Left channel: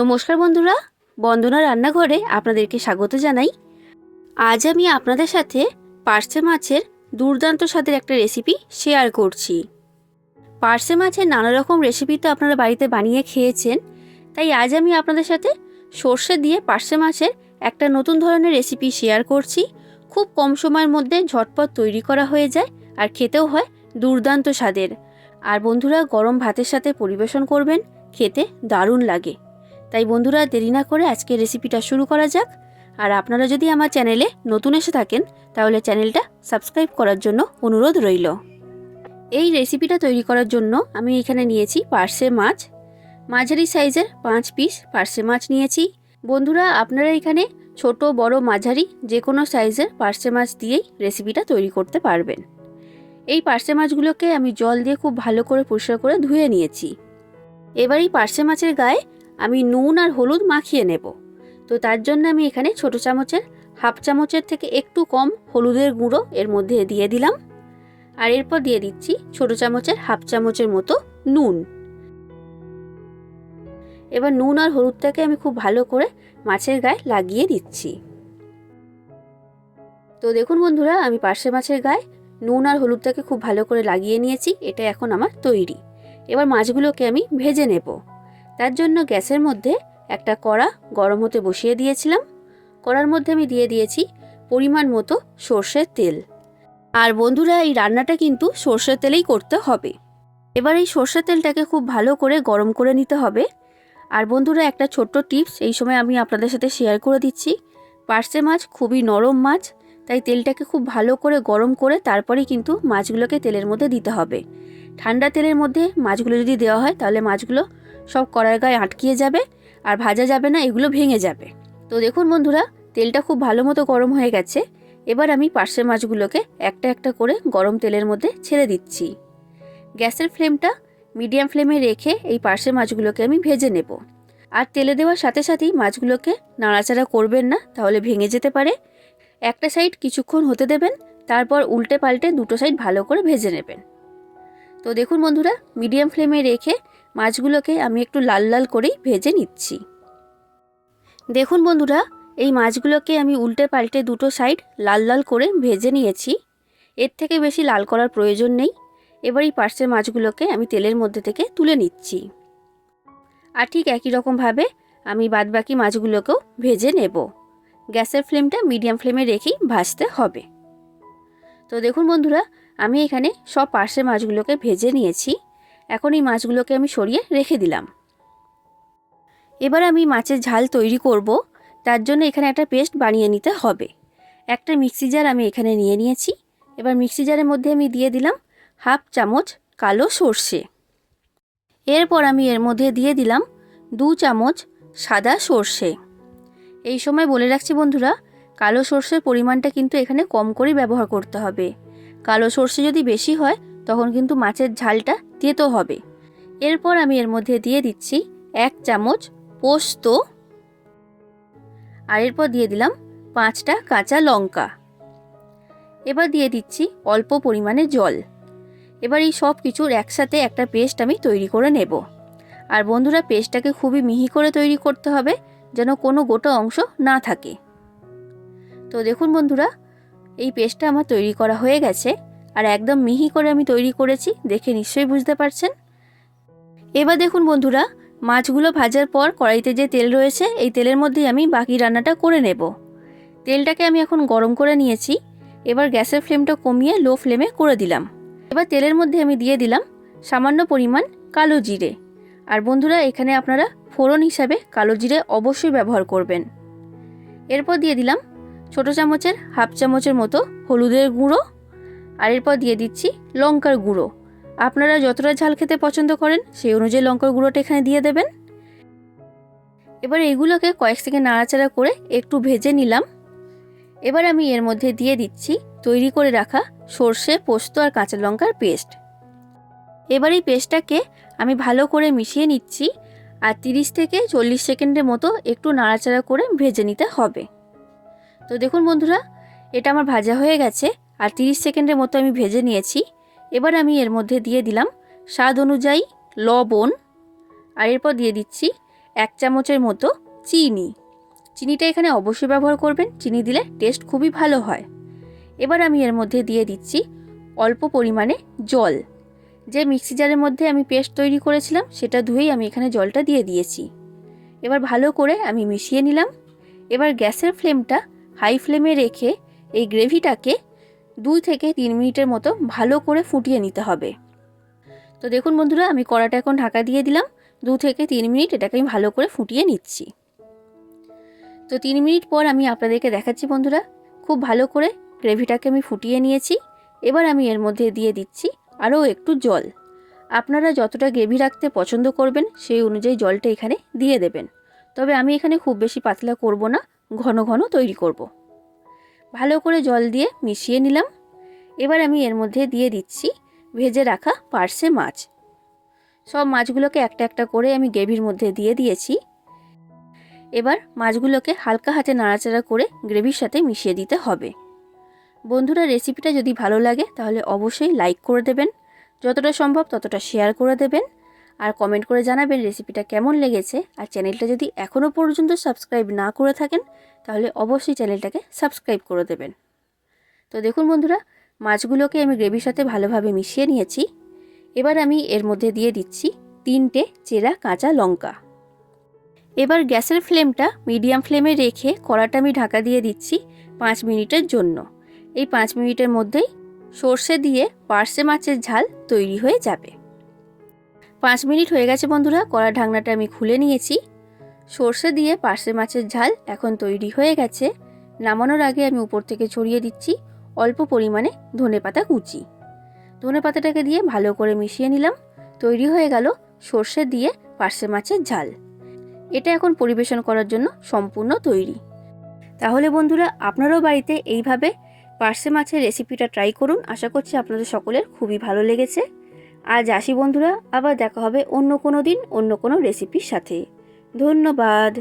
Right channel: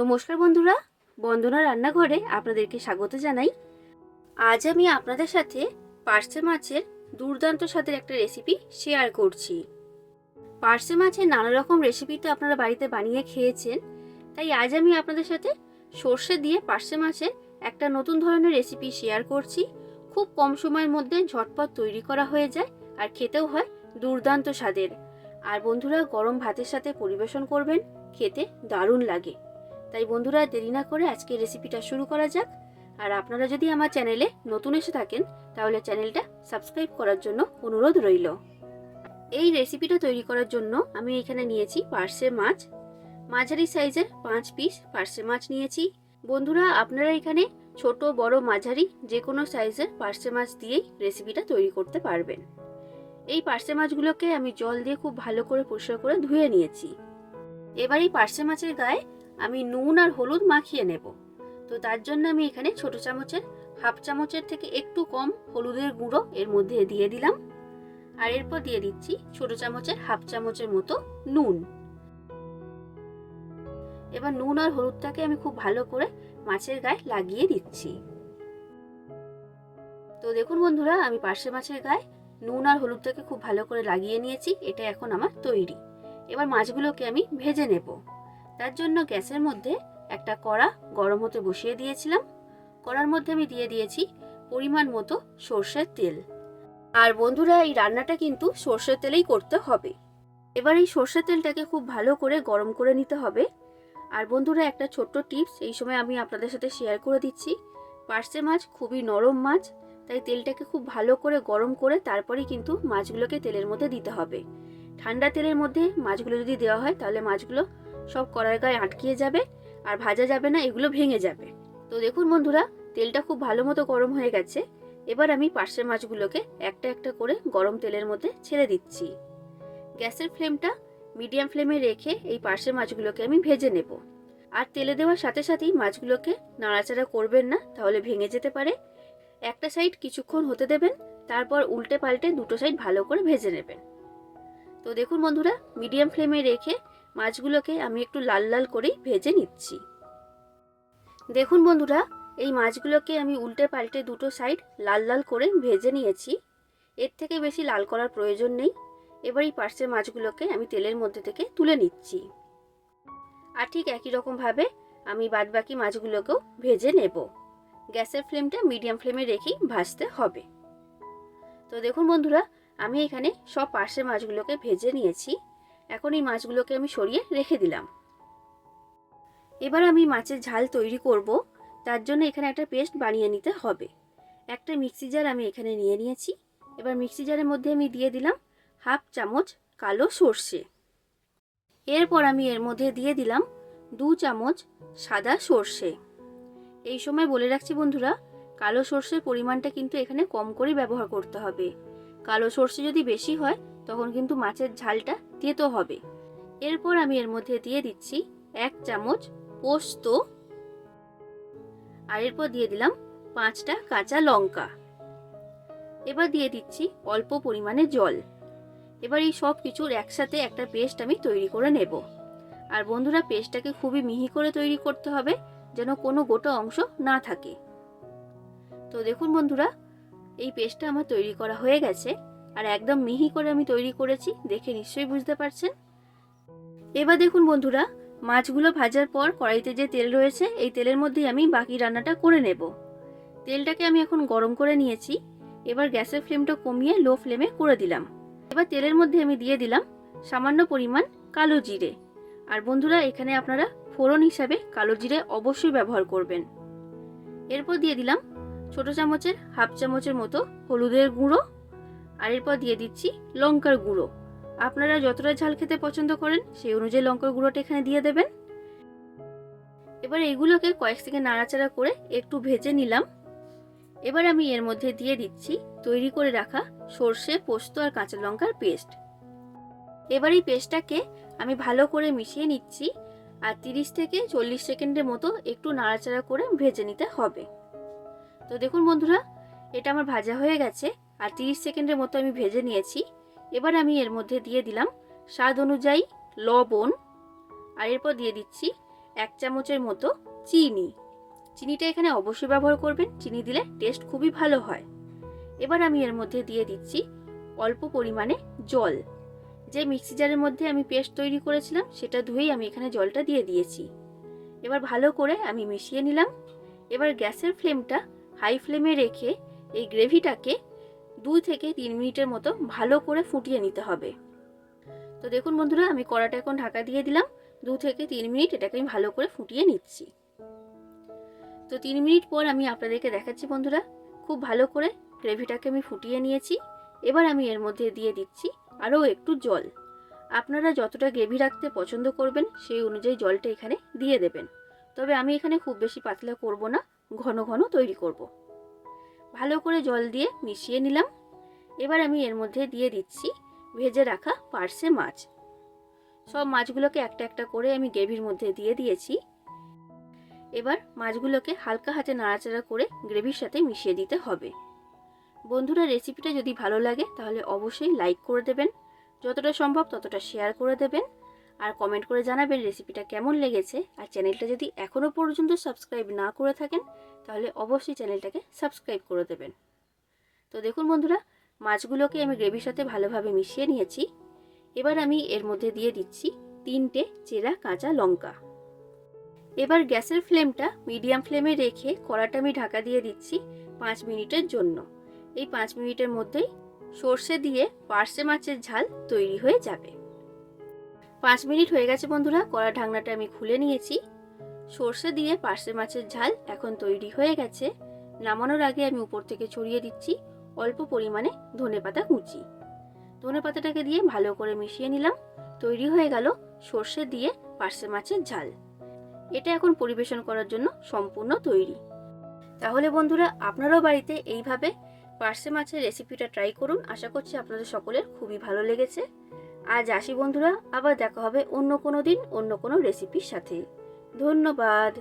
নমস্কার বন্ধুরা, বন্দনা রান্নাঘরে আপনাদেরকে স্বাগত জানাই। আজ আমি আপনাদের সাথে পার্সে মাছের দুর্দান্ত স্বাদের একটা রেসিপি শেয়ার করছি। পার্সে মাছের নানা রকম রেসিপি তো আপনারা বাড়িতে বানিয়ে খেয়েছেন, তাই আজ আমি আপনাদের সাথে সর্ষে দিয়ে পার্সে মাছের একটা নতুন ধরনের রেসিপি শেয়ার করছি। খুব কম সময়ের মধ্যে ঝটপট তৈরি করা হয়ে যায় আর খেতেও হয় দুর্দান্ত স্বাদের। আর বন্ধুরা, গরম ভাতের সাথে পরিবেশন করবেন, খেতে দারুণ লাগে। তাই বন্ধুরা দেরি না করে আজকে রেসিপিটা শুরু করা যাক। আর আপনারা যদি আমার চ্যানেলে নতুন এসে থাকেন, তাহলে চ্যানেলটা সাবস্ক্রাইব করার জন্য অনুরোধ রইল। এই রেসিপিটা তৈরি করার জন্য আমি এখানে নিয়েছি পার্সে মাছ। মাঝারি সাইজের পাঁচ পিস পার্সে মাছ নিয়েছি। বন্ধুরা, আপনারা এখানে ছোট, বড়, মাঝারি যে কোনো সাইজের পার্সে মাছ দিয়েই রেসিপিটা তৈরি করতে পারবেন। এই পার্সে মাছগুলোকে আমি জল দিয়ে খুব ভালো করে পরিষ্কার করে ধুয়ে নিয়েছি। এবার এই পার্সে মাছের গায়ে আমি নুন আর হলুদ মাখিয়ে নেব। তো তার জন্য আমি এখানে ছোট চামচের, হাফ চামচের থেকে একটু কম হলুদের গুঁড়ো এর মধ্যে দিয়ে দিলাম। আর এরপর দিয়ে দিচ্ছি ছোট চামচের, হাফ চামচের মতো নুন। এবার নুন আর হলুদটাকে আমি খুব ভালো করে মাছের গায়ে লাগিয়ে দিচ্ছি। তো দেখুন বন্ধুরা, আমি পার্শে মাছের গায়ে নুন আর হলুদটাকে খুব ভালো করে লাগিয়ে নিয়েছি, এটা এখন আমার তৈরি। এবার মাছগুলোকে আমি ভেজে নেব। তার জন্য গ্যাসের মধ্যে একটা কড়া গরম হতে বসিয়ে দিয়েছিলাম। কড়ার মধ্যে আমি দিয়ে দিয়েছি পরিমাণ মতো সর্ষের তেল। আর বন্ধুরা, এই রান্নাটা কিন্তু সর্ষের তেলেই করতে হবে। এবার এই সর্ষের তেলটাকে খুব ভালো করে গরম করে নিতে হবে। আর বন্ধুরা, একটা ছোট্ট টিপস এই সময় আমি আপনাদের সাথে শেয়ার করে দিচ্ছি। পার্সে মাছ খুবই নরম মাছ, তাই তেলটাকে খুব ভালো করে গরম করে তারপরেই কিন্তু মাছগুলোকে তেলের মধ্যে দিতে হবে। ঠান্ডা তেলের মধ্যে মাছগুলো যদি দেওয়া হয়, তাহলে মাছগুলো সব কড়ার গায়ে আটকিয়ে যাবে আর ভাজা যাবে না, এগুলো ভেঙে যাবে। তো দেখুন বন্ধুরা, তেলটা খুব ভালো মতো গরম হয়ে গেছে। এবার আমি পার্শে মাছগুলোকে একটা একটা করে গরম তেলের মধ্যে ছেড়ে দিচ্ছি। গ্যাসের ফ্লেমটা মিডিয়াম ফ্লেমে রেখে এই পার্শে মাছগুলোকে আমি ভেজে নেব। আর তেলে দেওয়ার সাথে সাথেই মাছগুলোকে নাড়াচাড়া করবেন না, তাহলে ভেঙে যেতে পারে। একটা সাইড কিছুক্ষণ হতে দেবেন, তারপর উল্টে পাল্টে দুটো সাইড ভালো করে ভেজে নেবেন। তো দেখুন বন্ধুরা, মিডিয়াম ফ্লেমে রেখে মাছগুলোকে আমি একটু লাল লাল করেই ভেজে নিচ্ছি। দেখুন বন্ধুরা, এই মাছগুলোকে আমি উল্টে পাল্টে দুটো সাইড লাল লাল করে ভেজে নিয়েছি। এর থেকে বেশি লাল করার প্রয়োজন নেই। এবার এই পার্সের মাছগুলোকে আমি তেলের মধ্যে থেকে তুলে নিচ্ছি। আর ঠিক একই রকমভাবে আমি বাদবাকি মাছগুলোকেও ভেজে নেব। গ্যাসের ফ্লেমটা মিডিয়াম ফ্লেমে রেখেই ভাজতে হবে। তো দেখুন বন্ধুরা, আমি এখানে সব পার্সে মাছগুলোকে ভেজে নিয়েছি। এখন এই মাছগুলোকে আমি সরিয়ে রেখে দিলাম। এবার আমি মাছের ঝাল তৈরি করব, তার জন্য এখানে একটা পেস্ট বানিয়ে নিতে হবে। একটা মিক্সি জার আমি এখানে নিয়ে নিয়েছি। এবার মিক্সি জারের মধ্যে আমি দিয়ে দিলাম হাফ চামচ কালো সর্ষে। এরপর আমি এর মধ্যে দিয়ে দিলাম দু চামচ সাদা সর্ষে। এই সময় বলে রাখছি বন্ধুরা, কালো সর্ষের পরিমাণটা কিন্তু এখানে কম করেই ব্যবহার করতে হবে। কালো সর্ষে যদি বেশি হয় তখন কিন্তু মাছের ঝালটা তেতো হবে। এরপর আমি এর মধ্যে দিয়ে দিচ্ছি এক চামচ পোস্ত। আর এরপর দিয়ে দিলাম পাঁচটা কাঁচা লঙ্কা। এবার দিয়ে দিচ্ছি অল্প পরিমাণে জল। এবার এই সব কিছুর একসাথে একটা পেস্ট আমি তৈরি করে নেব। আর বন্ধুরা, পেস্টটাকে খুবই মিহি করে তৈরি করতে হবে যেন কোনো গোটা অংশ না থাকে। তো দেখুন বন্ধুরা, এই পেস্টটা আমার তৈরি করা হয়ে গেছে। আর একদম মিহি করে আমি তৈরি করেছি, দেখে নিশ্চয়ই বুঝতে পারছেন? এবার দেখুন বন্ধুরা, মাছগুলো ভাজার পর কড়াইতে যে তেল রয়েছে, এই তেলের মধ্যেই আমি বাকি রান্নাটা করে নেব। তেলটাকে আমি এখন গরম করে নিয়েছি, এবার গ্যাসের ফ্লেমটা কমিয়ে লো ফ্লেমে করে দিলাম। এবার তেলের মধ্যে আমি দিয়ে দিলাম সামান্য পরিমাণ কালো জিরে। আর বন্ধুরা, এখানে আপনারা ফোড়ন হিসাবে কালো জিরে অবশ্যই ব্যবহার করবেন। এরপর দিয়ে দিলাম ছোটো চামচের, হাফ চামচের মতো হলুদের গুঁড়ো আর এরপর দিয়ে দিচ্ছি লঙ্কার গুঁড়ো। আপনারা যতটা ঝাল খেতে পছন্দ করেন, সেই অনুযায়ী লঙ্কার গুঁড়োটা এখানে দিয়ে দেবেন। এবার এগুলোকে কয়েক সেকেন্ড নাড়াচাড়া করে একটু ভেজে নিলাম। এবার আমি এর মধ্যে দিয়ে দিচ্ছি তৈরি করে রাখা সর্ষে, পোস্ত আর কাঁচা লঙ্কার পেস্ট। এবার এই পেস্টটাকে আমি ভালো করে মিশিয়ে নিচ্ছি আর তিরিশ থেকে চল্লিশ সেকেন্ডের মতো একটু নাড়াচাড়া করে ভেজে নিতে হবে। তো দেখুন বন্ধুরা, এটা আমার ভাজা হয়ে গেছে। আর তিরিশ সেকেন্ডের মতো আমি ভেজে নিয়েছি। এবার আমি এর মধ্যে দিয়ে দিলাম স্বাদ অনুযায়ী লবণ আর এরপর দিয়ে দিচ্ছি এক চামচের মতো চিনি। চিনিটা এখানে অবশ্যই ব্যবহার করবেন, চিনি দিলে টেস্ট খুবই ভালো হয়। এবার আমি এর মধ্যে দিয়ে দিচ্ছি অল্প পরিমাণে জল। যে মিক্সি জারের মধ্যে আমি পেস্ট তৈরি করেছিলাম, সেটা ধুয়েই আমি এখানে জলটা দিয়ে দিয়েছি। এবার ভালো করে আমি মিশিয়ে নিলাম। এবার গ্যাসের ফ্লেমটা হাই ফ্লেমে রেখে এই গ্রেভিটাকে দুই থেকে তিন মিনিটের মতো ভালো করে ফুটিয়ে নিতে হবে। তো দেখুন বন্ধুরা, আমি কড়াটা এখন ঢাকা দিয়ে দিলাম। দু থেকে তিন মিনিট এটাকে আমি ভালো করে ফুটিয়ে নিচ্ছি। তো তিন মিনিট পর আমি আপনাদেরকে দেখাচ্ছি বন্ধুরা, খুব ভালো করে গ্রেভিটাকে আমি ফুটিয়ে নিয়েছি। এবার আমি এর মধ্যে দিয়ে দিচ্ছি আরও একটু জল। আপনারা যতটা গ্রেভি রাখতে পছন্দ করবেন, সেই অনুযায়ী জলটা এখানে দিয়ে দেবেন। তবে আমি এখানে খুব বেশি পাতলা করব না, ঘন ঘন তৈরি করব। ভালো করে জল দিয়ে মিশিয়ে নিলাম। এবার আমি এর মধ্যে দিয়ে দিচ্ছি ভেজে রাখা পার্সে মাছ। সব মাছগুলোকে একটা একটা করে আমি গ্রেভির মধ্যে দিয়ে দিয়েছি। এবার মাছগুলোকে হালকা হাতে নাড়াচাড়া করে গ্রেভির সাথে মিশিয়ে দিতে হবে। বন্ধুরা, রেসিপিটা যদি ভালো লাগে তাহলে অবশ্যই লাইক করে দেবেন, যতটা সম্ভব ততটা শেয়ার করে দেবেন। আর কমেন্ট করে জানাবেন রেসিপিটা কেমন লেগেছে। আর চ্যানেলটা যদি এখনও পর্যন্ত সাবস্ক্রাইব না করে থাকেন তাহলে অবশ্যই চ্যানেলটাকে সাবস্ক্রাইব করে দেবেন। তো দেখুন বন্ধুরা, মাছগুলোকে আমি গ্রেভির সাথে ভালোভাবে মিশিয়ে নিয়েছি। এবার আমি এর মধ্যে দিয়ে দিচ্ছি তিনটে চেরা কাঁচা লঙ্কা। এবার গ্যাসের ফ্লেমটা মিডিয়াম ফ্লেমে রেখে কড়াটা আমি ঢাকা দিয়ে দিচ্ছি পাঁচ মিনিটের জন্য। এই পাঁচ মিনিটের মধ্যেই সর্ষে দিয়ে পার্সে মাছের ঝাল তৈরি হয়ে যাবে। পাঁচ মিনিট হয়ে গেছে বন্ধুরা কড়া ঢাকনাটা আমি খুলে নিয়েছি। সর্ষে দিয়ে পার্সে মাছের ঝাল এখন তৈরি হয়ে গেছে। নামানোর আগে আমি উপর থেকে ছড়িয়ে দিচ্ছি অল্প পরিমাণে ধনে পাতা কুচি। ধনে পাতাটাকে দিয়ে ভালো করে মিশিয়ে নিলাম। তৈরি হয়ে গেল সর্ষে দিয়ে পার্সে মাছের ঝাল। এটা এখন পরিবেশন করার জন্য সম্পূর্ণ তৈরি। তাহলে বন্ধুরা, আপনারাও বাড়িতে এইভাবে পার্সে মাছের রেসিপিটা ট্রাই করুন। আশা করছি আপনাদের সকলের খুবই ভালো লেগেছে। আজ আসি বন্ধুরা, আবার দেখা হবে অন্য কোনো দিন, অন্য কোনো রেসিপির সাথে। ধন্যবাদ।